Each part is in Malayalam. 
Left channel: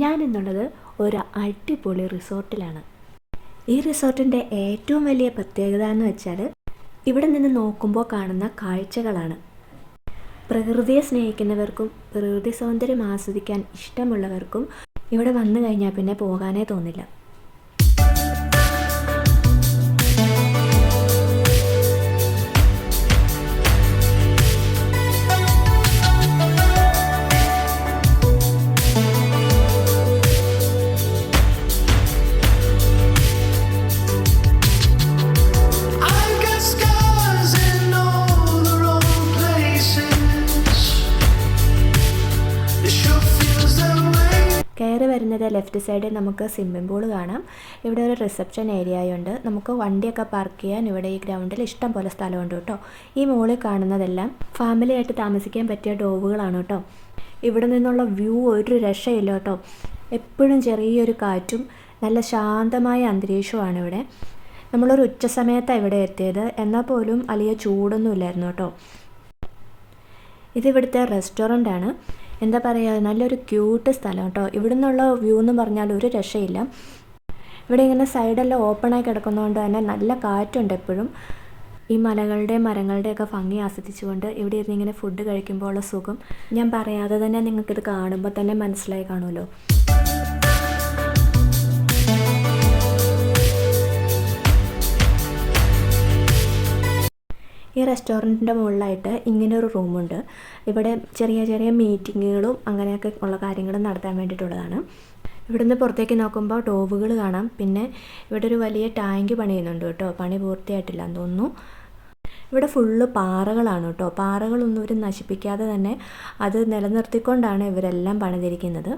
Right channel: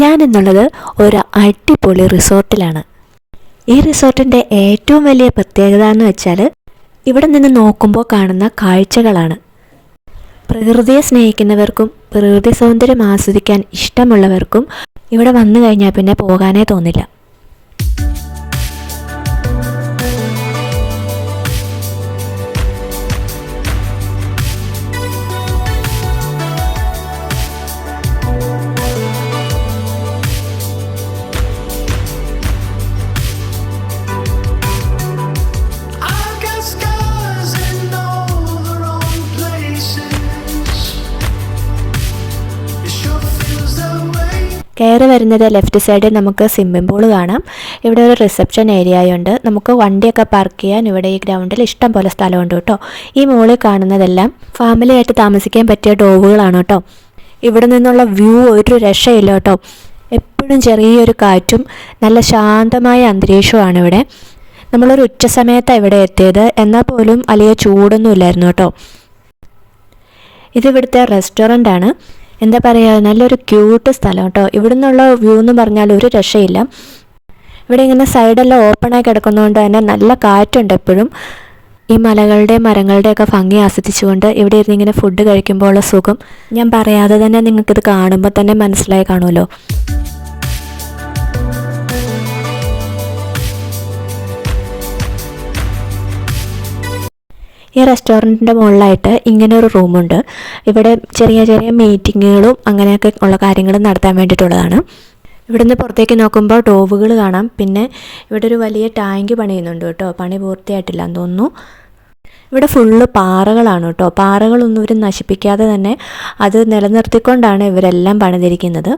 ഞാനെന്നുള്ളത് ഒരു അടിപൊളി റിസോർട്ടിലാണ്. ഈ റിസോർട്ടിൻ്റെ ഏറ്റവും വലിയ പ്രത്യേകത എന്ന് വെച്ചാൽ ഇവിടെ നിന്ന് നോക്കുമ്പോൾ കാണുന്ന കാഴ്ചകളാണ്. പ്രകൃതിയെ സ്നേഹിക്കുന്നവർക്കും പ്രകൃതി സൗന്ദര്യം ആസ്വദിക്കാൻ ഇഷ്ടമുള്ളവർക്കും ഇവിടെ വന്നു കഴിഞ്ഞാൽ പിന്നെ പോകാനേ തോന്നില്ല. കയറി വരുന്നത് ലെഫ്റ്റ് സൈഡിൽ നമുക്ക് സ്വിമ്മിംഗ് പൂൾ കാണാം. ഇവിടെ ഒരു റിസപ്ഷൻ ഏരിയയുണ്ട്. നമുക്ക് വണ്ടിയൊക്കെ പാർക്ക് ചെയ്യാൻ ഇവിടെ ഈ ഗ്രൗണ്ടിൽ ഇഷ്ടം പോലെ സ്ഥലമുണ്ട് കേട്ടോ. ഈ മുകളിൽ കാണുന്നതെല്ലാം ഫാമിലി ആയിട്ട് താമസിക്കാൻ പറ്റിയ ഡോവുകളാണ് കേട്ടോ. ഇവിടെ നിന്നുള്ള വ്യൂ ഒരു രക്ഷയില്ല കേട്ടോ. എപ്പോഴും ചെറിയൊരു കാറ്റും നല്ല ശാന്തമായ അന്തരീക്ഷമാണ് ഇവിടെ. നമ്മളൊരു ഉച്ച സമയത്താണ് ഇവിടെ എത്തിയത്, എന്നാൽ പോലും വലിയ ചൂടൊന്നും ഇല്ലായിരുന്നു കേട്ടോ. ഇതിവിടുത്തെ റെസ്റ്റോറൻ്റ് ആണ്. എന്താ പറയുക, നല്ലൊരു ക്യൂട്ട് സ്ഥലം കേട്ടോ. ഇവിടെ നിന്നുള്ള വ്യൂ എന്ന് പറഞ്ഞാൽ ഒരു രക്ഷയില്ല. ഇവിടെ ഇങ്ങനെ സൈഡെല്ലാം ഓപ്പണായി കിടക്കുന്നതുകൊണ്ട് തന്നെ നല്ല കാറ്റുണ്ട് എപ്പോഴും. ഈ മലകളുടെയും മരങ്ങളുടെയൊക്കെ ഭംഗി ആസ്വദിച്ചുകൊണ്ട് ഇവിടെ ഇരുന്ന് ഇങ്ങനെ ഫുഡ് കഴിക്കുമ്പോൾ ഉള്ള സുഖം ഞാൻ പറയാതെ തന്നെ നിങ്ങൾക്കിത് കാണുമ്പോൾ തന്നെ മനസ്സിലായി കാണുമല്ലോ. ഈ റെസ്റ്റോറൻറ്റിൻ്റെ മുകളിലായിട്ട് ഇങ്ങനെ ഒരു റൂമുണ്ട്. ഇവിടെ ചെറിയ ചെറിയ മീറ്റിങ്ങുകളും അങ്ങനെയൊക്കെ ഉള്ള കാര്യങ്ങളും നടത്താൻ വേണ്ടിയിട്ടുള്ളതാണ്. ഇവിടുന്ന് പുറത്തേക്ക് നോക്കുമ്പോൾ ഡോവുകൾ കാണാം. പിന്നെ ഇവിടെ ഒരു വലിയ ടാങ്ക് പണിയുന്നുണ്ട് കേട്ടോ. പണി പൂർത്തിയായിട്ടില്ല എന്ന് തോന്നുന്നു. ഇവിടെ ഫുള്ള് പാറകളാണ് കേട്ടോ. പാറകളൊന്നും ഇവർ നശിപ്പിക്കാതെ തന്നെ അത് നിലനിർത്തിക്കൊണ്ടാണ് ഇവരെല്ലാം പണിതിരിക്കുന്നത്.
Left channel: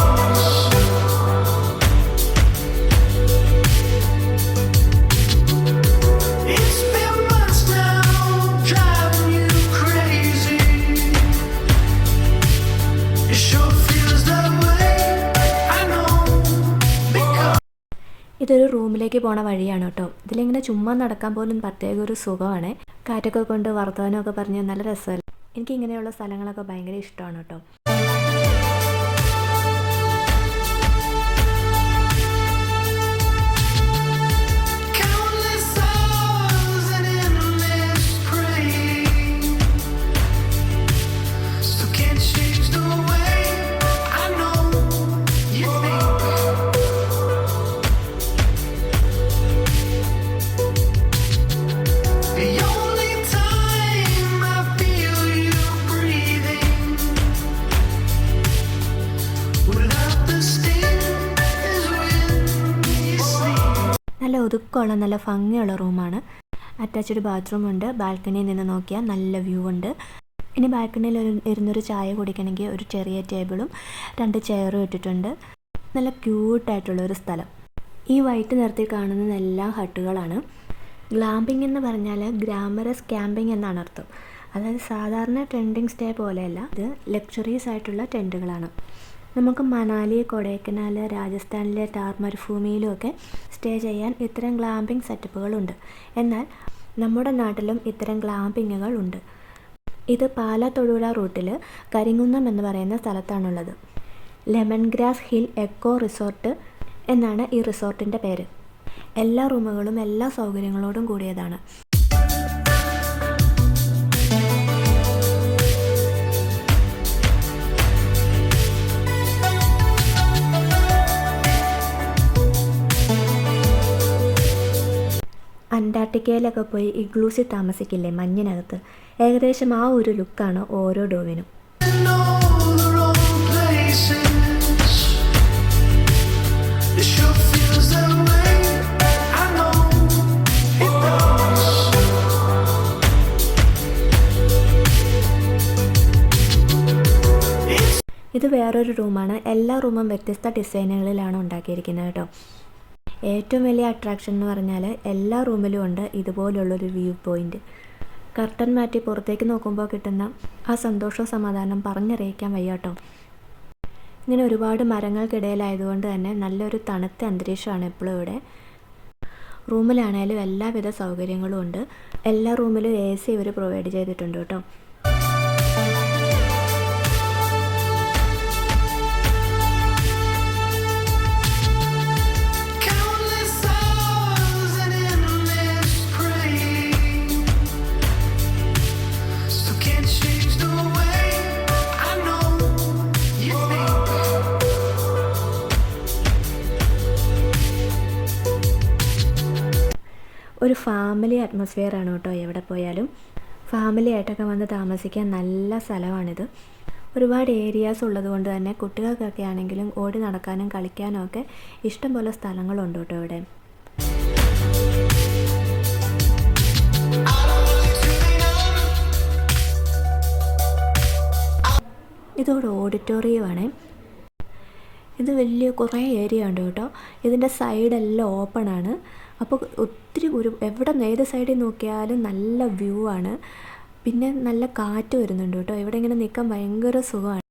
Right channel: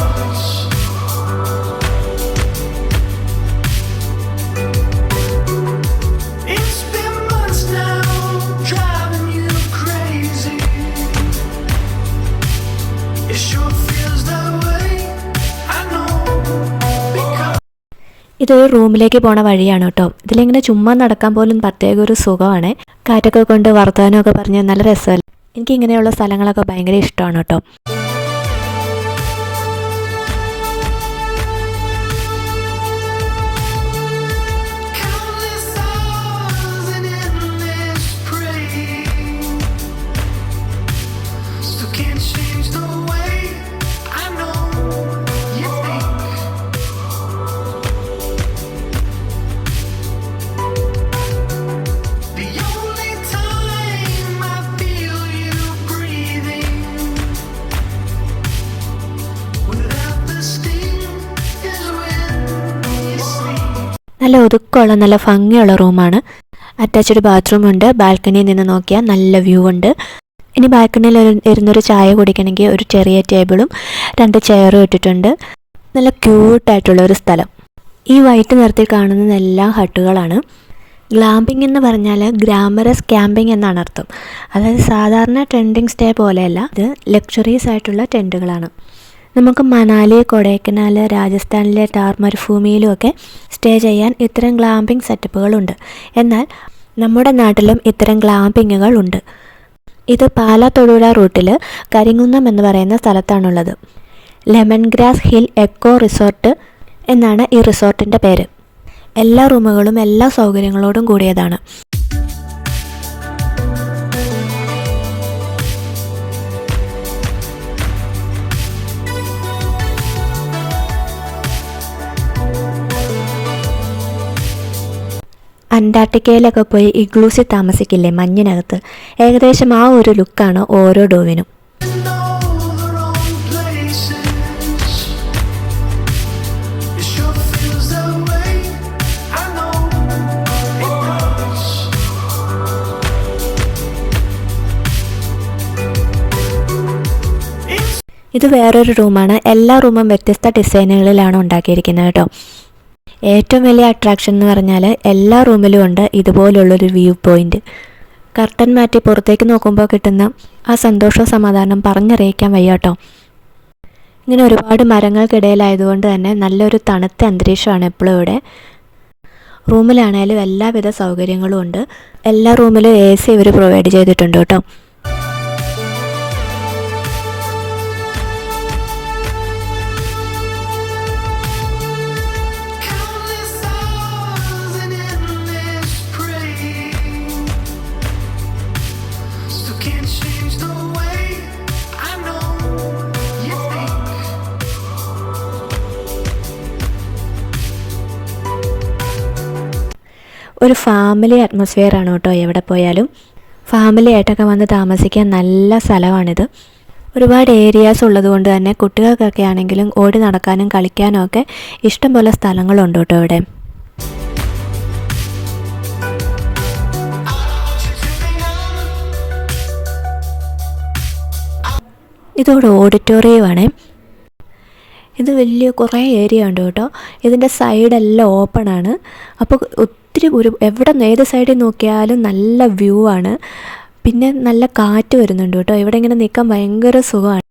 ഇതൊരു റൂമിലേക്ക് പോണ വഴിയാണ് കേട്ടോ. ഇതിലിങ്ങനെ ചുമ്മാ നടക്കാൻ പോലും പ്രത്യേക ഒരു സുഖമാണ്. കാറ്റൊക്കെ കൊണ്ട് വർത്തമാനമൊക്കെ പറഞ്ഞ് നല്ല രസമല്ലേ. എനിക്കിങ്ങനെയുള്ള സ്ഥലങ്ങളൊക്കെ ഭയങ്കര ഇഷ്ടമാണ് കേട്ടോ. നല്ല ഒതുക്കമുള്ള നല്ല ഭംഗിയുള്ള റൂമാണ്. അറ്റാച്ച്ഡ് ബാത്റൂം ഉണ്ട്. ബാൽക്കണിയിൽ നിന്ന് നോക്കിയാൽ നല്ല വ്യൂ ഉണ്ട്. ഇനി ബാൽക്കണിയിൽ ഇരുന്നൊരു ചായ കുടിക്കണമെങ്കിൽ ഒരു ചെറിയ ടേബിളും 2 ചെയറും ഇട്ടിട്ടുണ്ട്. നല്ല ക്യൂട്ടായിട്ടുള്ള ഒരു സ്ഥലം. ഈ വൈറ്റ് നിറത്തിൽ കാണുന്നതെല്ലാം ഹട്ടുകളാണ്. ഗ്ലാമ്പിംഗ് എന്ന് പറഞ്ഞാൽ ഗ്ലാമറസ് ക്യാമ്പിംഗ് എന്നാണ് അർത്ഥം. അതായത് സാധാരണ ടെൻറ്റിംഗ് സ്റ്റേ പോലെയല്ല, ഇത് ലക്ഷറീസ് ആയിട്ടുള്ള ടെൻറ്റുകളാണ്. നമുക്ക് മണാലി, കൊടൈക്കനാൽ, രാജസ്ഥാനിലെ ടാർ മരുഭൂമിയിലുമൊക്കെ സ്റ്റേ ചെയ്യാൻ ഇത്തരം ഗ്ലാമ്പിംഗ് സെറ്റപ്പുകളുണ്ട്. എന്നാൽ നമ്മുടെ നാട്ടിലും ഇത്തരം ഗ്ലാമ്പിങ്ങുകൾ ഉണ്ട്. ഇത് പാലാ തൊടുപുഴ റൂട്ടിൽ കരിങ്കുന്നം എന്ന് പറയുന്ന സ്ഥലത്താണുള്ളത്. Lemon grass hill echo resort എന്നാണ് ഈ റിസോർട്ടിൻ്റെ പേര്. എല്ലാ റൂമുകളും എല്ലാ സൗകര്യങ്ങളോടും കൂടിയതാണ്. അന്റാർട്ടിക്കയിലൊക്കെ പോയി ഇഗ്ലൂസിൽ താമസിക്കില്ലേ മഞ്ഞിനകത്ത്, ഏകദേശം ആ ഒരു ലുക്കാണ് ഓരോ ഡോവിനും. ഇത് വേറൊരു റൂമാണ്. എല്ലാ റൂമും വ്യത്യസ്ത ഡിസൈനുകളിലാണ് ഉണ്ടാക്കിയിരിക്കുന്നത് കേട്ടോ. ഏറ്റവും വലിയ അട്രാക്ഷൻ എന്ന് പറഞ്ഞാൽ എല്ലാ റൂമിലും ഉണ്ട് ഇതുപോലുള്ളൊരു വ്യൂ പോയിൻ്റ്. കർട്ടൻ മാറ്റി പുറത്തേക്ക് നോക്കുമ്പോൾ കിട്ടുന്ന ആ സന്തോഷവും സമാധാനം പറഞ്ഞറിയിക്കാൻ വയ്യ കേട്ടോ. ഇങ്ങനെ ഒരുപാട് മരങ്ങൾക്കിടയിലായതുകൊണ്ട് തന്നെ നല്ലൊരു തണുത്ത അന്തരീക്ഷമാണ് എപ്പോഴും ഇവിടെ. റൂമിലാണേലും എല്ലാവിധ സൗകര്യങ്ങളും ഉണ്ട്. എല്ലാ റൂമിലും AC ഇവർ പ്രൊവൈഡ് ചെയ്തിട്ടുണ്ട് കേട്ടോ. ഒരു ഫാമിലി അറ്റ്മോസ്ഫിയർ ആണ് കേട്ടോ. എവിടെ പോയാലും ഫാമിലി ആയിട്ടൊക്കെ വന്ന് താമസിക്കാൻ നല്ല സ്ഥലമാണിത്. ഒരുപാട് ഏരിയാസ് ഉള്ളതുകൊണ്ട് തന്നെ കുട്ടികൾക്കൊക്കെ ആണെങ്കിലും ഓടി നടക്കാനും കളിക്കാനും ഒക്കെ ഇഷ്ടംപോലെ സ്ഥലങ്ങളുണ്ട് കേട്ടോ ഇവിടെ. ഇതോടെ ഓഡിറ്റോറിയമാണ്. ഇത് വലിയ കുറേ ഏരിയ ഉണ്ട് കേട്ടോ. ഇതിൻ്റെ സൈഡെല്ലാം ഓപ്പണാണ്. അപ്പോൾ ഒത്തിരി എവിടെ നിന്ന് ഏത് സൈഡിൽ നോക്കിയാലും നല്ല വ്യൂ ആണ്. പിന്നെ നല്ല കാറ്റ് വരുന്നുണ്ട് കേട്ടോ. ഇവിടെ ഇങ്ങനെ നിൽക്കാൻ ഭയങ്കര സുഖമാണ്.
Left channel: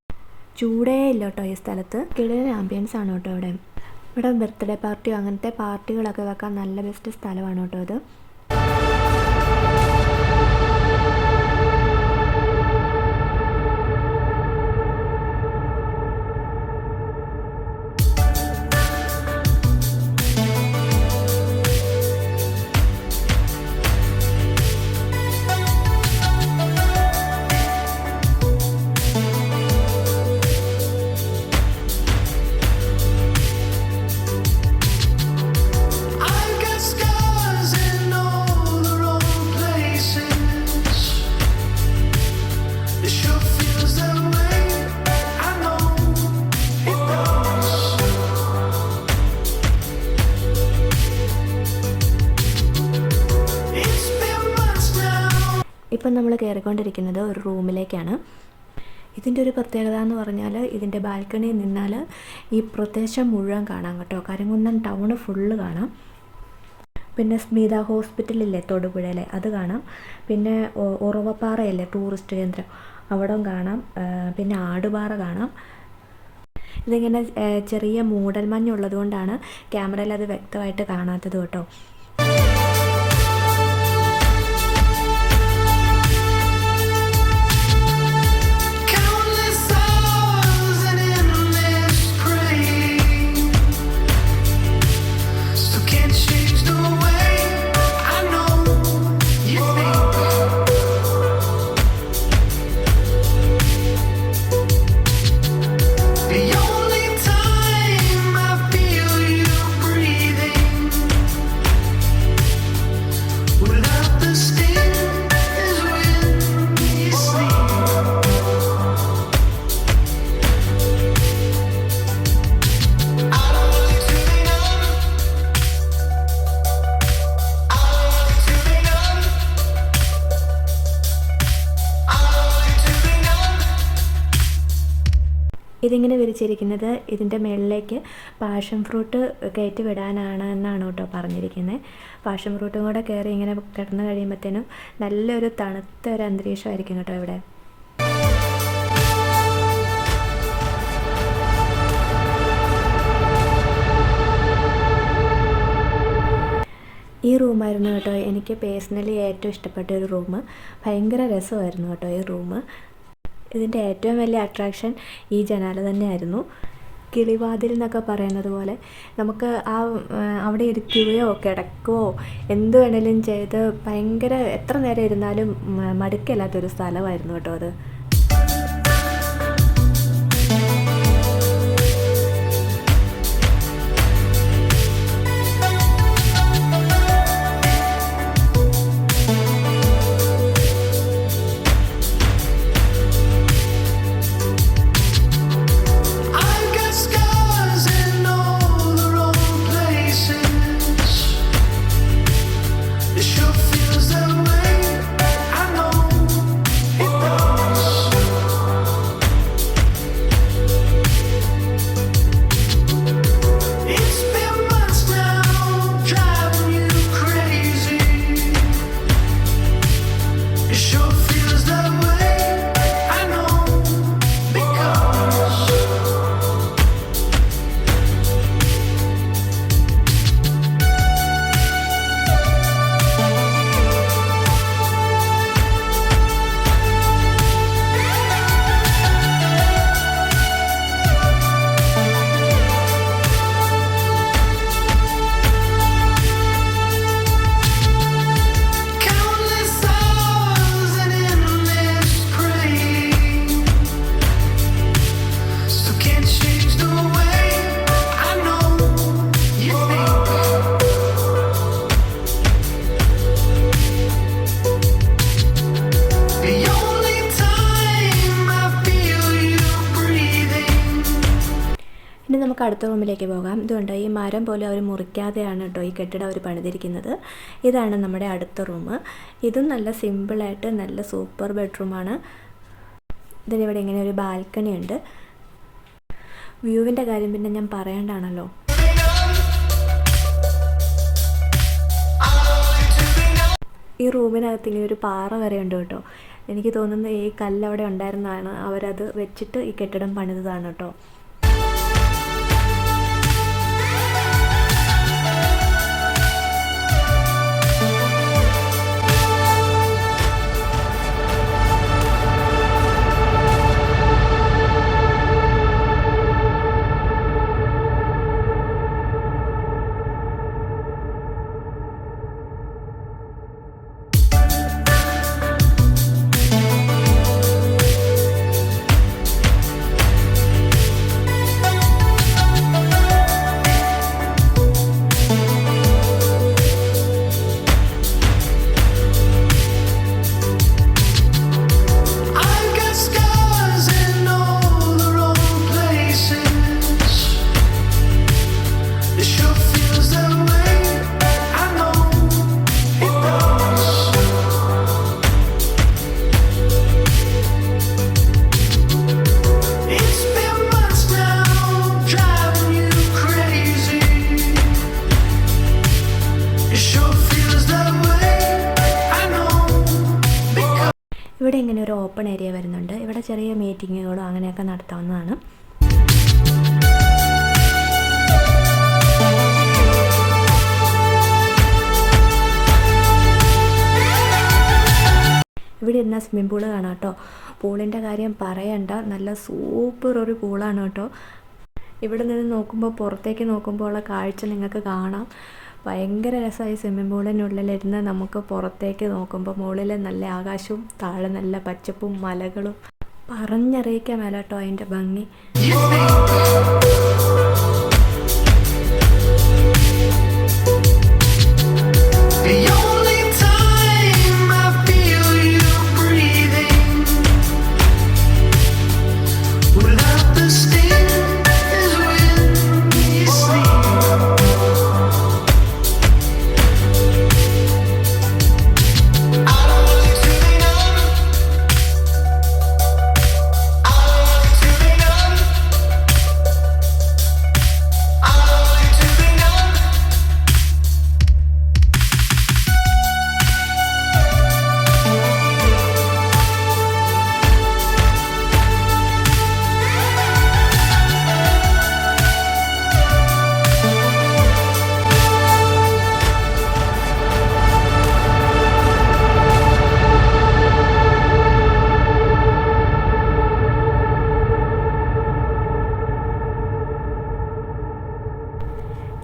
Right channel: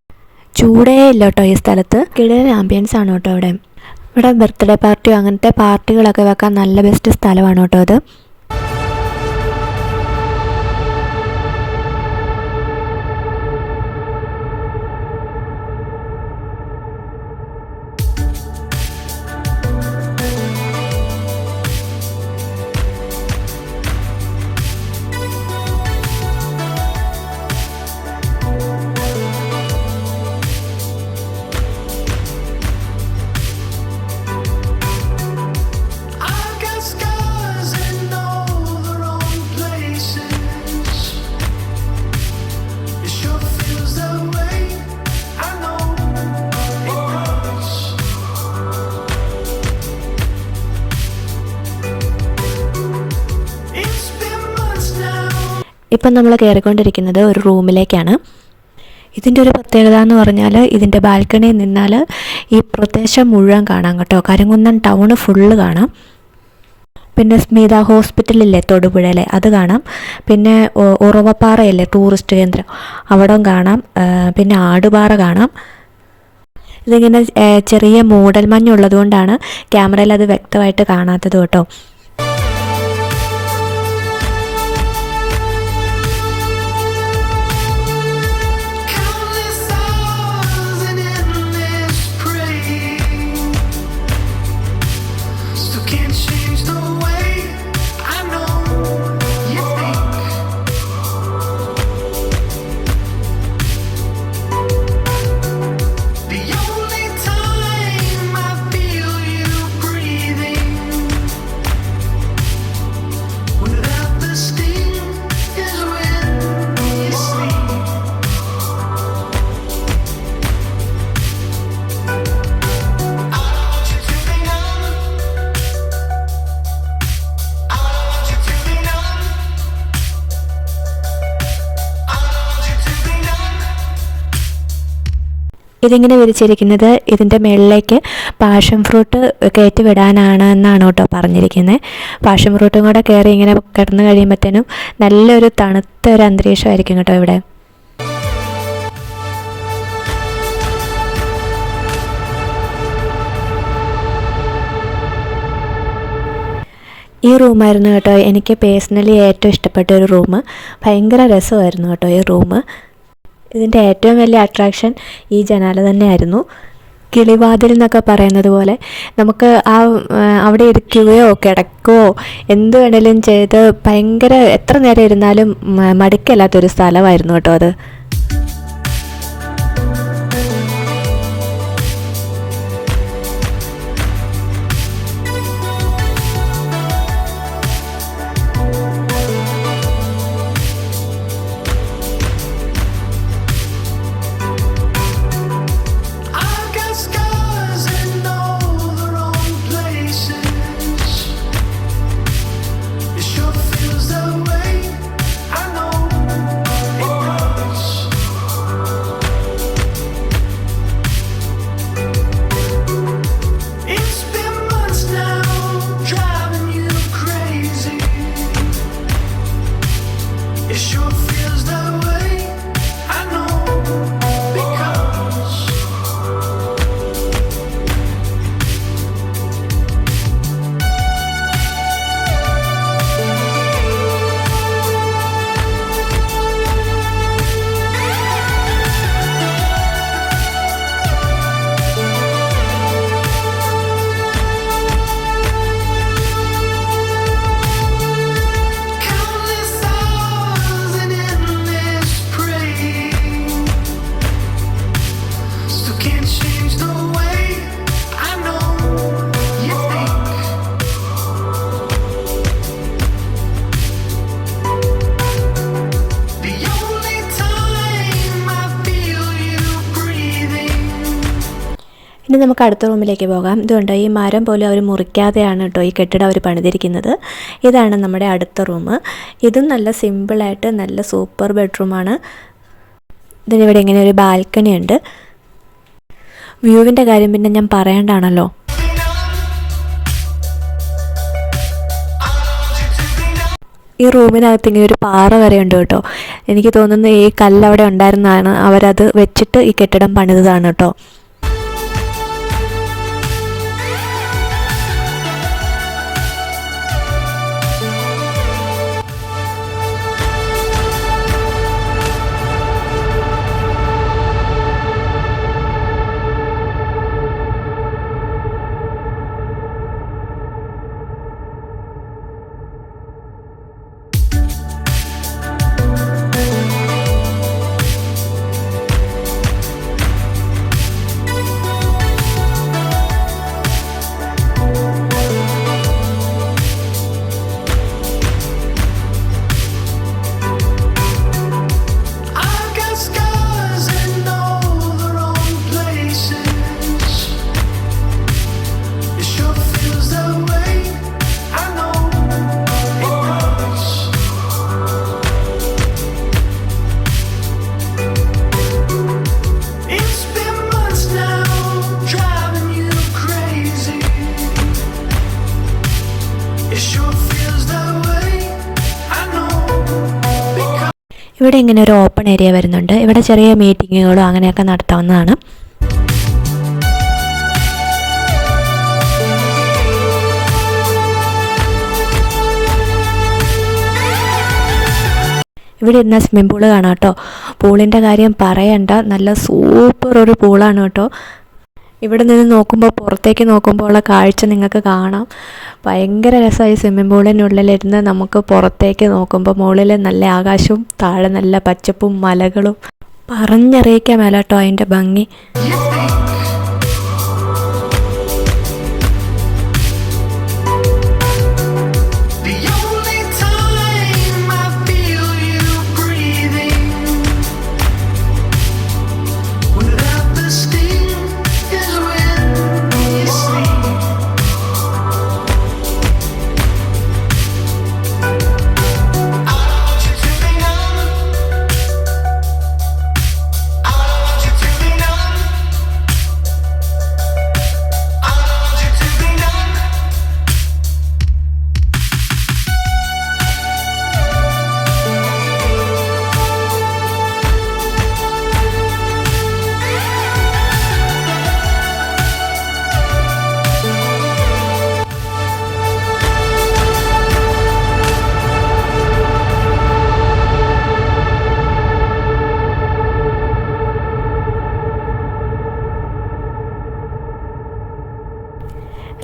ചൂടേ ഇല്ല കേട്ടോ ഈ സ്ഥലത്ത്. കിടലൻ ആംബിയൻസ് ആണ് കേട്ടോ ഇവിടെ. ഇവിടെ ബർത്ത്ഡേ പാർട്ടിയോ അങ്ങനത്തെ പാർട്ടികളൊക്കെ വെക്കാൻ നല്ല ബെസ്റ്റ് സ്ഥലമാണ് കേട്ടോ അത്. ഇപ്പം നമ്മൾ കയറിക്കൊണ്ടിരിക്കുന്നത് ഒരു റൂമിലേക്കാണ്. ഇതിൻ്റെ ഒരു പ്രത്യേകത എന്ന് പറഞ്ഞാൽ ഇതിൻ്റെ ബാൽക്കണിയിൽ നിന്നാൽ ഈ പ്രദേശം മുഴുവൻ കാണാം കേട്ടോ. കരിങ്കുന്നം ടൗണ് ഫുള്ള് കാണാം. പിന്നെ സ്മിത ഹോസ്പിറ്റലില്ലേ തൊടുപുഴയിലെ, അത് കാണാം. പിന്നെ ഉറവപ്പാറയല്ലേ ടൂറിസ്റ്റ് കേന്ദ്രം, അവിടം കാണാം. പിന്നെ ആടുപാറ കാണാം. ഇതിങ്ങനെ ചെറിയ മൂടൽ മഞ്ഞുള്ളത് കൊണ്ടാണ് ക്യാമറയിൽ അത് വ്യക്തമായിട്ട് കാണാത്തത് കേട്ടോ. ഇതിങ്ങനെ വിരിച്ചിരിക്കുന്നത് ഇതിൻ്റെ മുകളിലേക്ക് പാഷൻ ഫ്രൂട്ട് കയറ്റി വിടാനാണ് എന്നാണ് കേട്ടോ പറഞ്ഞിരിക്കുന്നത്. പാഷൻ ഫ്രൂട്ടും കൂടെ കയറി ഇങ്ങനെ കിടന്നു കഴിയുമ്പോഴത്തേനും നല്ലൊരു തണുത്ത ഒരു അന്തരീക്ഷമായിരിക്കും കേട്ടോ ഇവിടെ. ഈ റൂമായിരുന്നു കേട്ടോ എനിക്ക് പേഴ്സണലി ഏറ്റവും ഇഷ്ടപ്പെട്ട ഒരു റൂം. ഭയങ്കര രസമായിരുന്നു കേട്ടോ ഈ റൂം. ഇതിൻ്റെ ഏറ്റവും വലിയ അട്രാക്ഷൻ ഈ ജനാല തന്നെയായിരുന്നു. കിളിവാതിൽ എന്നൊക്കെ പറയുന്നത് പോലെ നമുക്ക് അവിടെ ഇരിക്കുകയോ കിടക്കുകയോ എന്ത് വേണേലും ചെയ്ത് ഭയങ്കര എത്ര നേരം ഇരുന്നാലും മടുക്കില്ലാത്തൊരു സ്ഥലമായിരുന്നു കേട്ടോ അത്. ഇനി നമുക്ക് അടുത്ത റൂമിലേക്ക് പോകാം. ഇതുകൊണ്ട് ഈ മരം പോലും അവർ മുറിക്കാതെയാണ് കേട്ടോ ഈ കെട്ടിടം അവർ പണിതിരിക്കുന്നത്. ഇതാണ് നമ്മുടെ അടുത്ത റൂം. ഇതും നല്ല സിമ്പിളായിട്ട് നല്ല സൂപ്പർ ബെഡ്റൂമാണ്. ഇതിനിവിടെ ഇങ്ങനെ ഒരു ബാൽക്കണി ഉണ്ട്. വ്യൂവിൻ്റെ കാര്യം പിന്നെ ഞാൻ പറയേണ്ടതാണല്ലോ. ഈ റൂമിനകത്ത് ഇങ്ങനെ ഒരു പാറ വരെ ഉണ്ട് കേട്ടോ. എനിക്ക് തോന്നുന്നു ഈ കല്ലവിടെ ഉണ്ടായിരുന്നതാണ്, അവരത് വെച്ചിട്ട് ഈ കെട്ടിടം പണിതതാണ് കേട്ടോ. ഇവിടെ ഇങ്ങനെ ഒരു ഓപ്പൺ ഏരിയ വരുന്നുണ്ട്. ഇവിടെ ചെറിയ മീറ്റിങ്ങുകളോ അങ്ങനെയൊക്കെ നടത്താവുന്നതാണ്. ഇവിടെ ഇരുന്ന സ്വിമ്മിംഗ് പൂള് കാണാം കേട്ടോ. പൂളിൻ്റെ കാര്യം പറയണ്ട, നല്ല സൂപ്പർ ഒരു പൂളാണ് കേട്ടോ. ഇവിടെ നിന്ന് നോക്കുമ്പോൾ, പുറത്തേക്ക് നോക്കുമ്പോൾ ഉള്ള കാഴ്ച നിങ്ങൾക്ക് കാണാം. ഭയങ്കര രസമായി സ്വിമ്മിംഗ് പൂളിനുള്ളിലിരുന്ന് നമുക്ക് പുറത്തേക്ക് നോക്കുമ്പോൾ മുകളിൽ നല്ല ആകാശവും താഴെ നല്ല പച്ചപ്പും മലകളും. പറഞ്ഞറിയിക്കാൻ മേല കേട്ടോ അതിൻ്റെ ഭംഗി.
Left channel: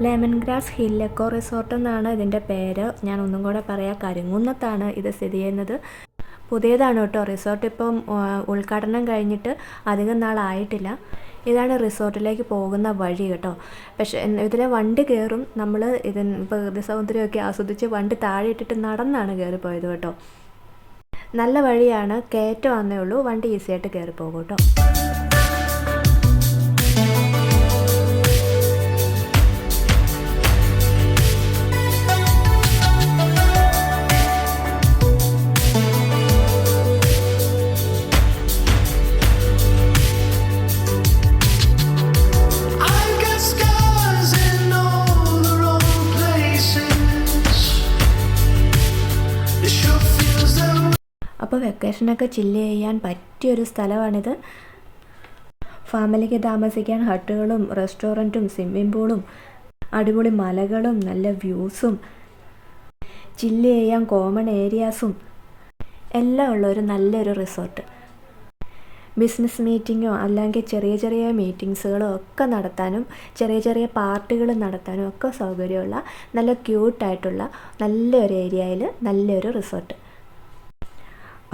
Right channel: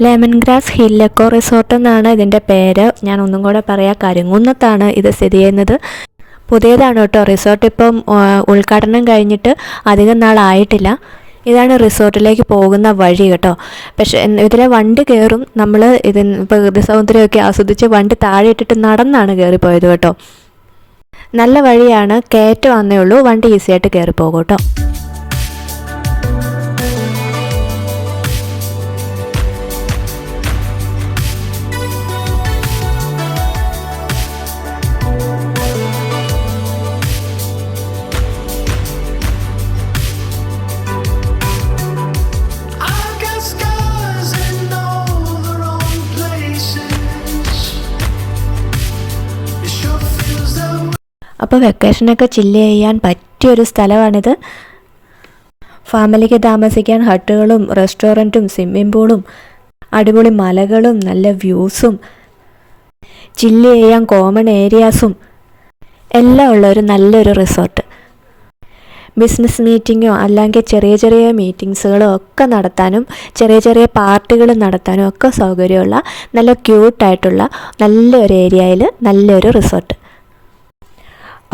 Lemon grass hill echo resort എന്നാണ് ഇതിൻ്റെ പേര്. ഞാൻ ഒന്നും കൂടെ പറയാം, കരിങ്കുന്നത്താണ് ഇത് സ്ഥിതി ചെയ്യുന്നത്. പുതിയതാണ് കേട്ടോ റിസോർട്ട്. ഇപ്പം ഉദ്ഘാടനം കഴിഞ്ഞിട്ട് അധികം നാളായിട്ടില്ല. ഇതാണ് റിസോർട്ടിലേക്ക് പോകുന്ന വഴി കേട്ടോ. പക്ഷേ ഇതിലെ വണ്ടി കയറും. നമ്മൾ പ്രകൃതി സൗന്ദര്യമൊക്കെ ആസ്വദിച്ച് വണ്ടി താഴെ ഇട്ടിട്ട് നടന്നാണ് കയറിപ്പോയത് കേട്ടോ. നല്ല വഴിയാണ്, കയറ്റം വന്നേ ഉള്ളൂ. വണ്ടി ഈസിയായിട്ട് കയറിപ്പോകും കേട്ടോ. അപ്പോൾ വെക്കേഷനൊക്കെ ചില്ല് ചെയ്യാൻ പറ്റിയൊരു സ്ഥലമാണിത്. ഫാമിലിക്ക് താമസിക്കാൻ ഹട്ടുകളും റെസ്റ്റോറൻറ്റും സ്വിമ്മിംഗ് പൂളും അടിപൊളി മലകളും നല്ല വ്യൂസും ചില്ല് ചെയ്യാൻ കോമൺ ഏരിയാസും എല്ലാം ഉള്ള ഒരു നല്ലൊരു റിസോർട്ട്. ബിസിനസ് മീറ്റിങ്ങോ അല്ലെങ്കിൽ ചെറിയ ചെറിയ മീറ്റിങ്സുകളോ ഒക്കെ നടത്താനും ചെറിയ ചെറിയ പാർട്ടികൾ നടത്താനും ഒക്കെ സൗകര്യമുള്ള നല്ല ക്യൂട്ടായിട്ടുള്ള നല്ലൊരു ഏരിയയിൽ നല്ലൊരു റിസോർട്ട്.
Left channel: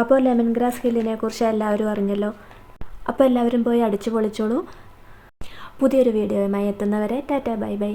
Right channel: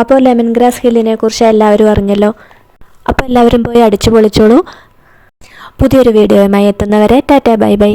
അപ്പോൾ ലെമൺ ഗ്രാസ് ഹില്ലിനെ കുറിച്ച് എല്ലാവരും അറിഞ്ഞല്ലോ. അപ്പോൾ എല്ലാവരും പോയി അടിച്ചു പൊളിച്ചോളൂ. പുതിയൊരു വീഡിയോയുമായി എത്തുന്നവരെ ടാറ്റ ബൈ ബൈ.